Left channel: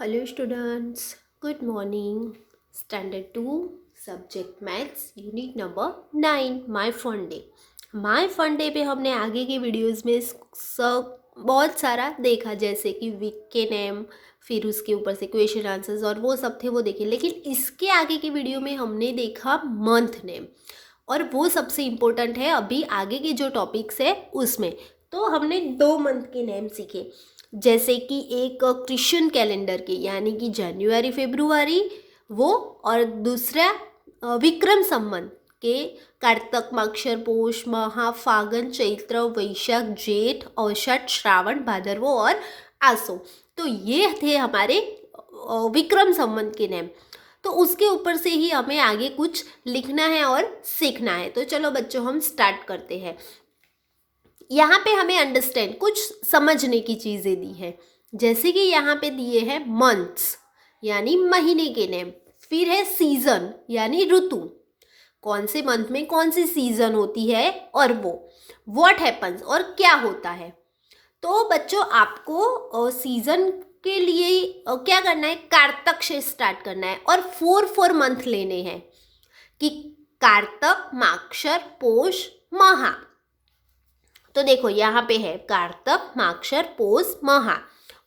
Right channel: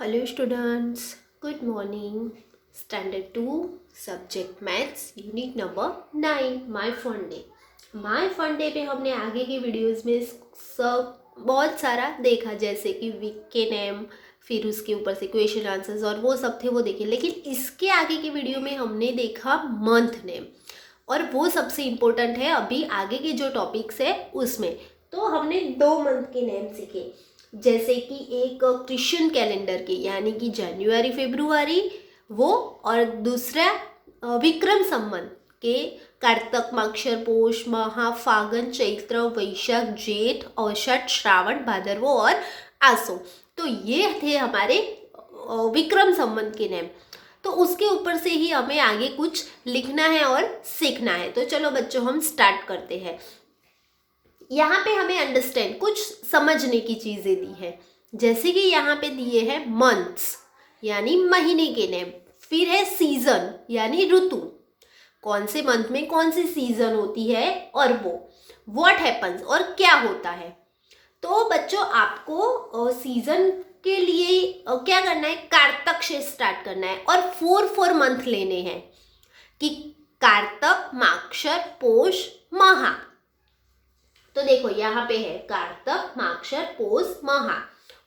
Hello students, good morning. Standard 2 Subject Maths Unit number 9 My Fun Day. My Fun Day पे हमने आगे की videos में सब बहुत सारा देखा, जैसे कि वीक के नेम, फिर उसके ऊपर से क्वेश्चन आंसर्स और वो सब थे, वो देखे। लेकिन इसके आगे की वीडियो में हमने देखा मंथ नेम, और वो सबसे इम्पोर्टेंट है अभी आगे के जो टॉपिक्स है उसमें। तो हमने 2 मंथ के नेम सीखे, जैसे कि एक क्रिश्चियन कैलेंडर के यानी कि जनवरी फरवरी वो, और दूसरा विक्रम संवत के कार्तक माक्षर पोष महा फागुन चैत्र वैशाख जेठ औसत श्रावण भादरवो और आसो। तो ये थे हमारे विक्रम संवत के नेम। तो उसके ऊपर से ही हमें आगे कुछ लिखना है और सीखना है। तो चलो बच्चों, हम स्टार्ट करते हैं। यहाँ पे हमें अंडरस्टैंड कुछ समझने की चीज़ें दी है, जैसे कि यहाँ पे दिए हैं मंथ्स यानी महीने के नेम, फिर है सीजन यानी ऋतु, कौन से मंथ में कौन सी सीजन होती है, और वो व्हाट हैपन्स और क्या होता है। तो बच्चों, आपको सीजन के लिए क्या करना है, कार्तक से स्टार्ट करना है और 4 मंथ लेने हैं कि कार्तक माक्षर पोष महा। तो देखो यहाँ पे है कार्तक माक्षर पोष महा,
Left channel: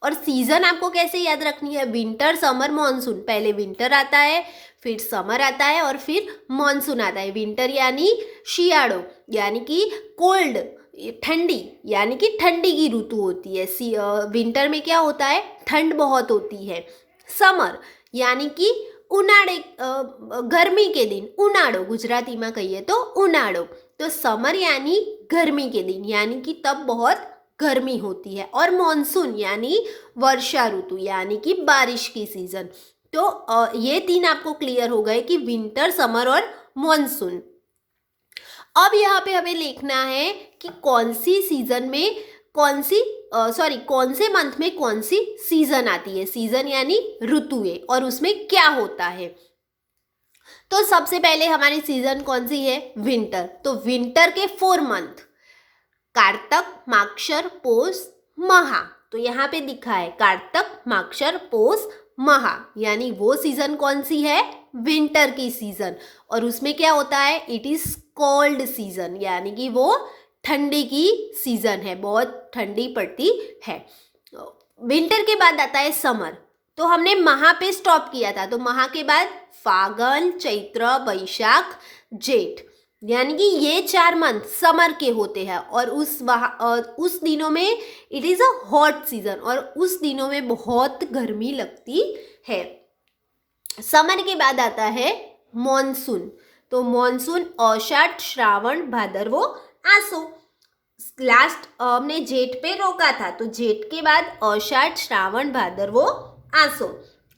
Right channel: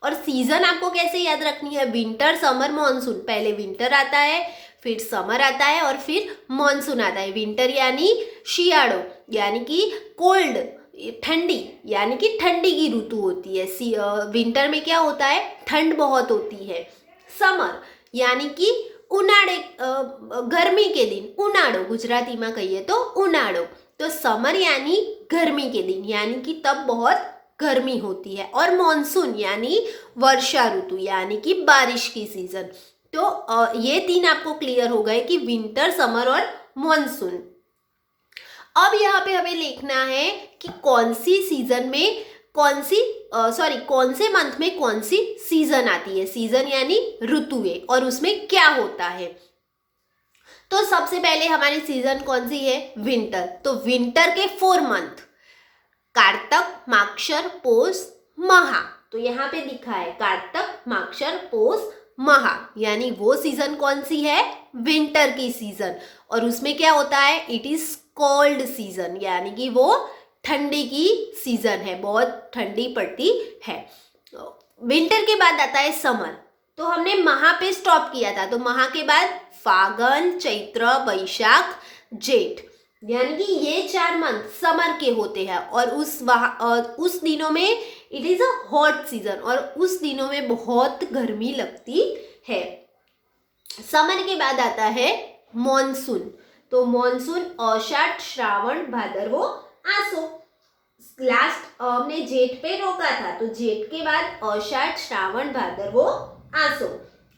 और सीजन आपको कैसे याद रखनी है, विंटर समर मॉनसून। पहले विंटर आता है, फिर समर आता है और फिर मॉनसून आता है। विंटर यानी शियाड़ो यानी कि कोल्ड, ठंडी यानी कि ठंडी की ऋतु होती है। विंटर में क्या होता है, ठंड बहुत होती है। समर यानी कि उनाड़े, गर्मी के दिन, उनाड़ो गुजराती में कहिए तो उनाड़ो। तो समर यानी गर्मी के दिन, यानी कि तब बहुत गर्मी होती है। और मॉनसून यानी वर्षा ऋतु यानी कि बारिश की सीजन। तो ये 3 आपको क्लियर हो गए कि विंटर समर और मॉनसून। अब यहाँ पे हमें लिखना है कि कौन सी सीजन में कौन सी कौन से मंथ में कौन सी सीजन आती है। सीजन यानी ऋतुएं, और उसमें क्या होता है। तो सबसे पहले हमारी सीजन कौन सी है, विंटर। तो विंटर के 4 मंथ कार्तक माक्षर पोष महा। तो यहाँ पे दिखा है कार्तक माक्षर पोष महा, यानी वो सीजन कौन सी है, विंटर की सीजन। और उसमें क्या होता है, इट इज कोल्ड सीजन, यानी कि वो ठंडी की सीजन है, बहुत ठंडी पड़ती है। विंटर के बाद आता है समर। तो हमने महा पे स्टॉप किया था, तो महा के बाद फागुन चैत्र वैशाख जेठ, यानी कि ये 4 मंथ समर के होते हैं। और उस दिनों में it is a hot season, और उस दिनों में बहुत गर्मी लगती है। समर के बाद आता है मॉनसून। तो मॉनसून औसत श्रावण भादरवो आसो। लास्ट हमने जेठ पे रोका था, तो जेठ के बाद औसत श्रावण भादरवो आसो।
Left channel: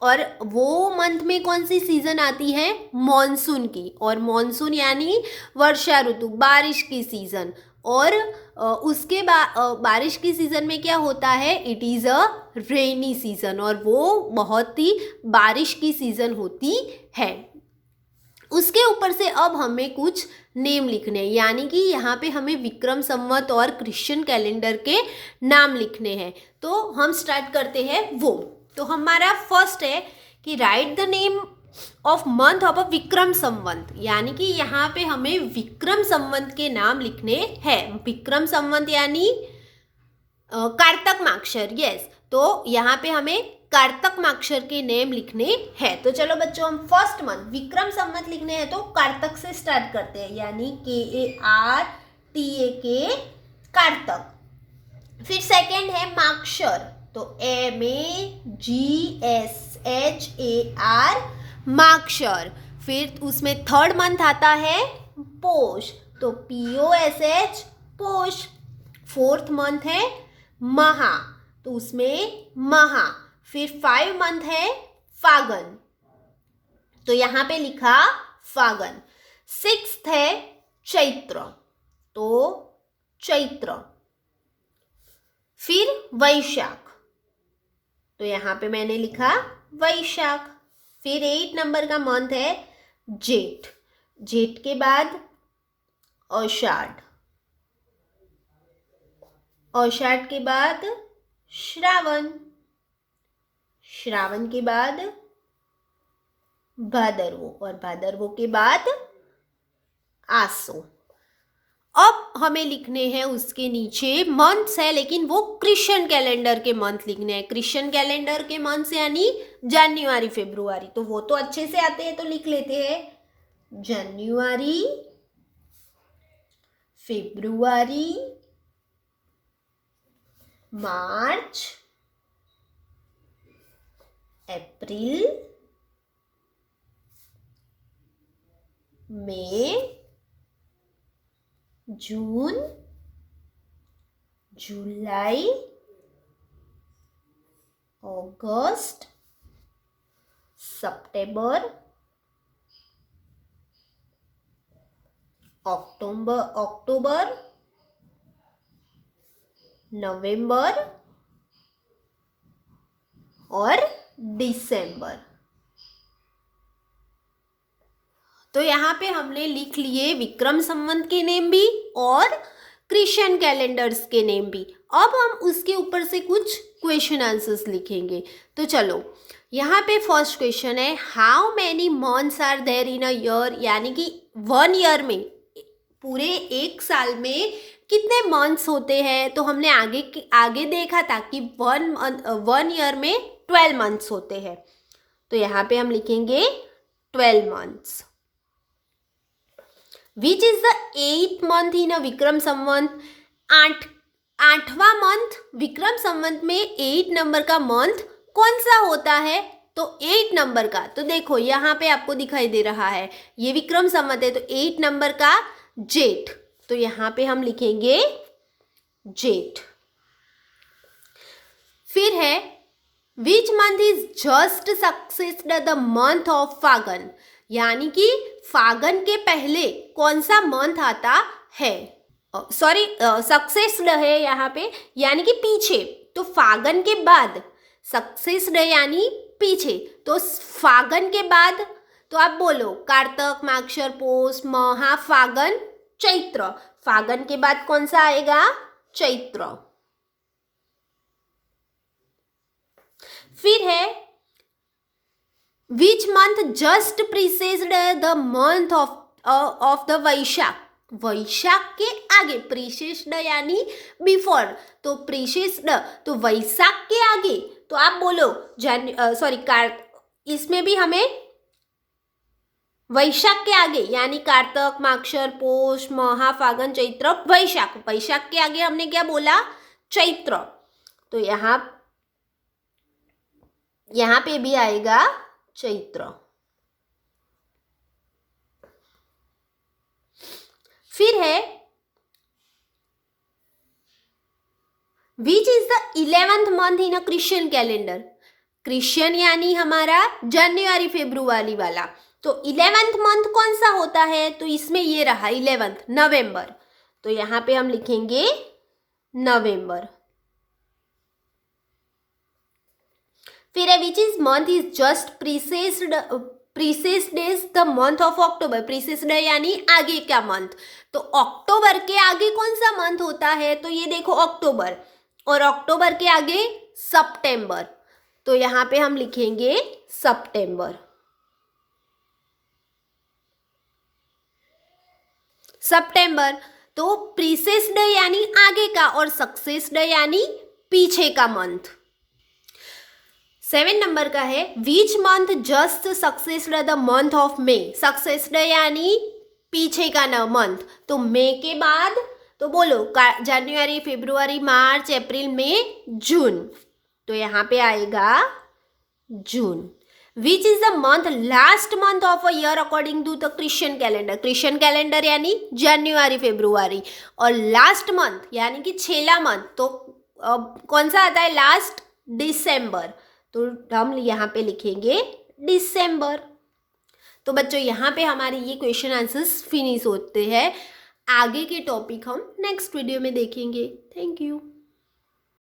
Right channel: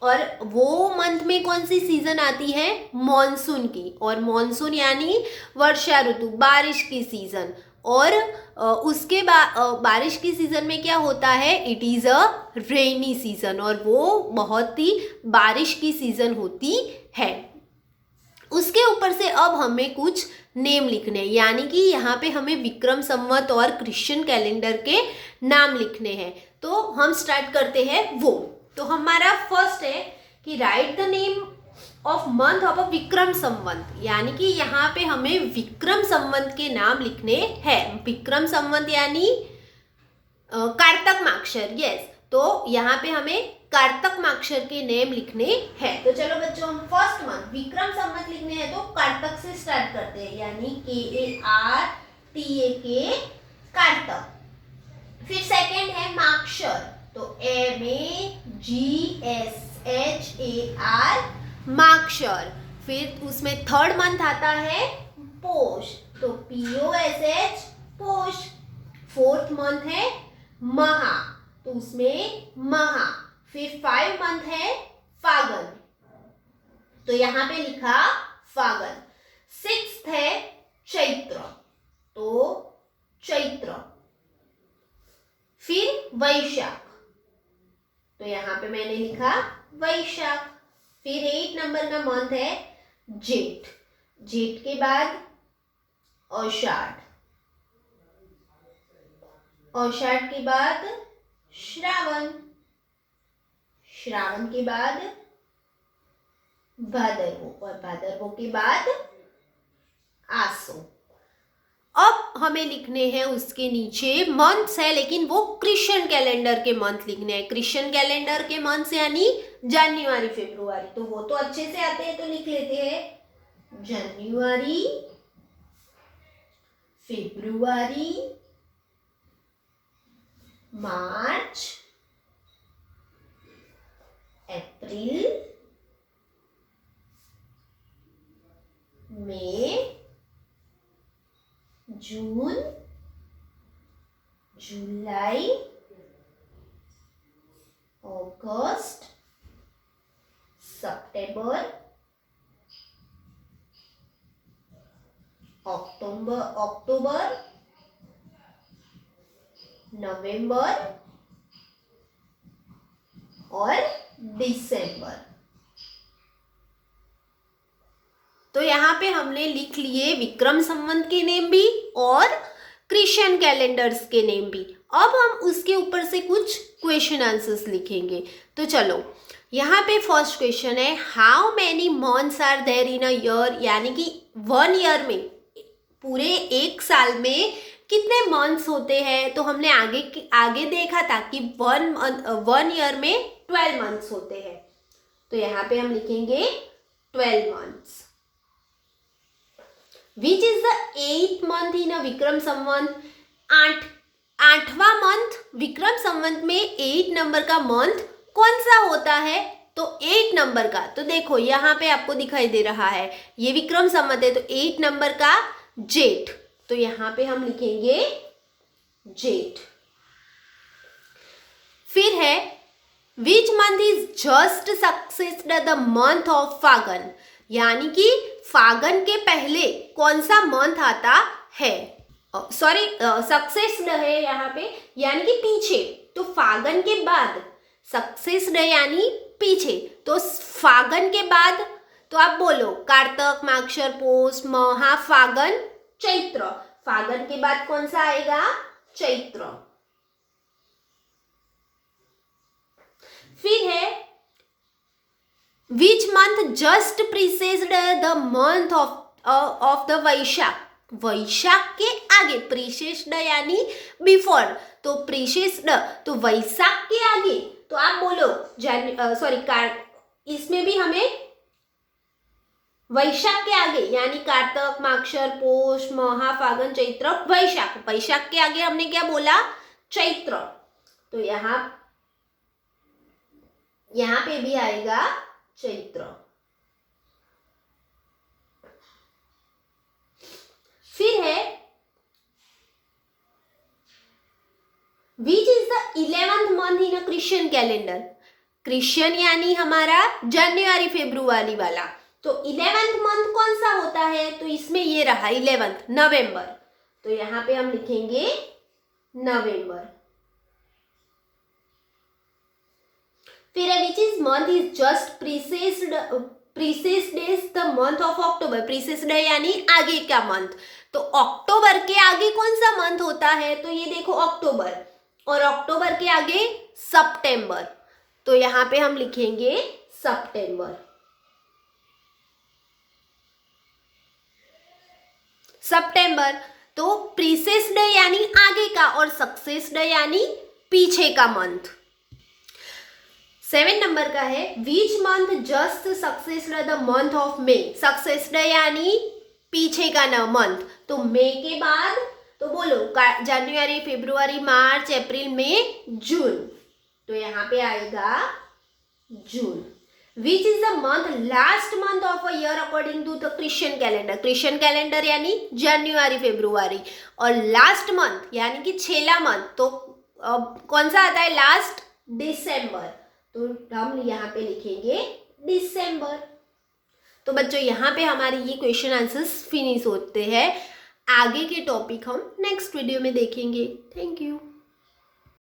और वो मंथ में कौन सी सीजन आती है, मॉनसून की। और मॉनसून यानी वर्षा ऋतु, बारिश की सीजन। और उसके बाद बारिश की सीजन में क्या होता है, it is a rainy season, और वो बहुत ही बारिश की सीजन होती है। उसके ऊपर से अब हमें कुछ नेम लिखने हैं, यानी कि यहाँ पे हमें विक्रम संवत और क्रिश्चियन कैलेंडर के नाम लिखने हैं। तो हम स्टार्ट करते हैं वो। तो हमारा फर्स्ट है कि write the name of month of a Vikram Samvat, यानी कि यहाँ पे हमें विक्रम संवत के नाम लिखने हैं। विक्रम संवत यानी कार्तक माक्षर, यस। तो यहाँ पे हमें कार्तक माक्षर के नेम लिखने हैं। तो चलो बच्चों, हम फर्स्ट मंथ विक्रम संवत लिखने हैं, तो कार्तक से स्टार्ट करते हैं, यानी KARTAK कार्तक। फिर सेकेंड है माक्षर, तो MAGSHAR माक्षर। फिर उसमें थर्ड मंथ आता है पोष, तो POSH पोष। फोर्थ मंथ है महा, तो उसमें महा। फिर 5 मंथ है फागुन, तो यहां पे लिखा फागुन। 6th है चैत्र, तो चैत्र। फिर वैशाख, तो यहां पे मैंने लिखा वैशाख। फिर 8 नंबर का मंथ है जेठ। जेठ के बाद आषाढ़, आषाढ़ के बाद श्रावण, श्रावण के बाद भादरवो और भादरवो के बाद आसो। अब हमें लिखने हैं उसके नीचे मंथ्स है, लेकिन वो क्रिश्चियन कैलेंडर के मंथ लिखने हैं। क्रिश्चियन कैलेंडर के मंथ्स यानी जनवरी फरवरी, तो वो तो अच्छे से आते हैं तो लिख लेते हैं जनवरी फरवरी मार्च अप्रैल मई जून जुलाई अगस्त सितंबर अक्टूबर नवंबर और दिसंबर। तो यहाँ पे हमने लिख लिए विक्रम संवत के नेम भी और क्रिश्चियन कैलेंडर्स के नेम भी। अब हम उसके ऊपर से कुछ क्वेश्चन आंसर्स लिखेंगे। तो चलो, यहाँ पे फर्स्ट क्वेश्चन है how many months are there in a year, यानी कि 1 ईयर में, पूरे एक साल में कितने मंथ्स होते हैं। तो हमने आगे देखा था कि 1 ईयर में 12 मंथ्स होते हैं। तो यहाँ पे हम लिखेंगे 12 months. Which is the 8th month in a Vikram Samvat, आठवां मंथ विक्रम संवत में 8 नंबर का मंथ कौन सा होता है। तो 8 नंबर का, तो देखो यहाँ पे आपको दिखाई दे रहा है ये विक्रम संवत है, तो 8 नंबर का जेठ, तो यहाँ पे हम लिखेंगे जेठ। फिर है which month is just succeeded the month of Phagan, यानी कि फागन के पहले कौन सा मंथ आता है। सॉरी, सक्सेस्ड है यहाँ पे, यानी कि पीछे। तो फागन के बाद, सक्सेस्ड यानी पीछे, तो फागन के बाद तो आप बोलो कार्तक माक्षर पोष महा फागन चैत्र। फागन के बाद कौन सा आएगा, चैत्र। फिर है which month just preceded the month of the Vaishakh, Vaishakh के आगे, प्रीसेस्ड यानी बिफोर, तो प्रीसेस्ड तो वैशाख के आगे, तो आप बोलो इसमें भी हमें वैशाख के आगे, यानी कार्तक माक्षर पोष महा फागन चैत्र वैशाख, वैशाख के आगे हमने क्या बोला, चैत्र। तो यहाँ पे भी आएगा चैत्र। फिर है which is the 11th month in a Christian calendar, Christian यानी हमारा जनवरी फरवरी वाला, तो 11th मंथ कौन सा होता है। तो इसमें ये रहा 11th, नवंबर, तो यहाँ पे हम लिखेंगे नवंबर। फिर है which is month is just preceded is the month of October, preceded यानी आगे का मंथ, तो अक्टूबर के आगे कौन सा मंथ होता है। तो ये देखो अक्टूबर, और अक्टूबर के आगे सितंबर, तो यहाँ पे हम लिखेंगे सितंबर। सितंबर, तो प्रीसेस्ड यानी आगे का और सक्सेस्ड यानी पीछे का मंथ। 7 नंबर का है which month just succeeded the month of May, succeeded यानी पीछे का न मंथ, तो मई के बाद तो बोलो जनवरी फरवरी मार्च अप्रैल मई जून, तो यहाँ पे आएगा June. Which is the month last month of a year according to the Christian calendar, Christian calendar यानी जनवरी फरवरी, और लास्ट मंथ यानी कि छेला मंथ, तो कौन सा आता है लास्ट, दिसंबर, तो हम यहाँ पे लिखेंगे दिसंबर। तो बच्चों यहाँ पे हमारे ये क्वेश्चन आंसर्स फिनिश होते हैं। आगे के टॉपिक हम नेक्स्ट वीडियो में देखेंगे। Thank you.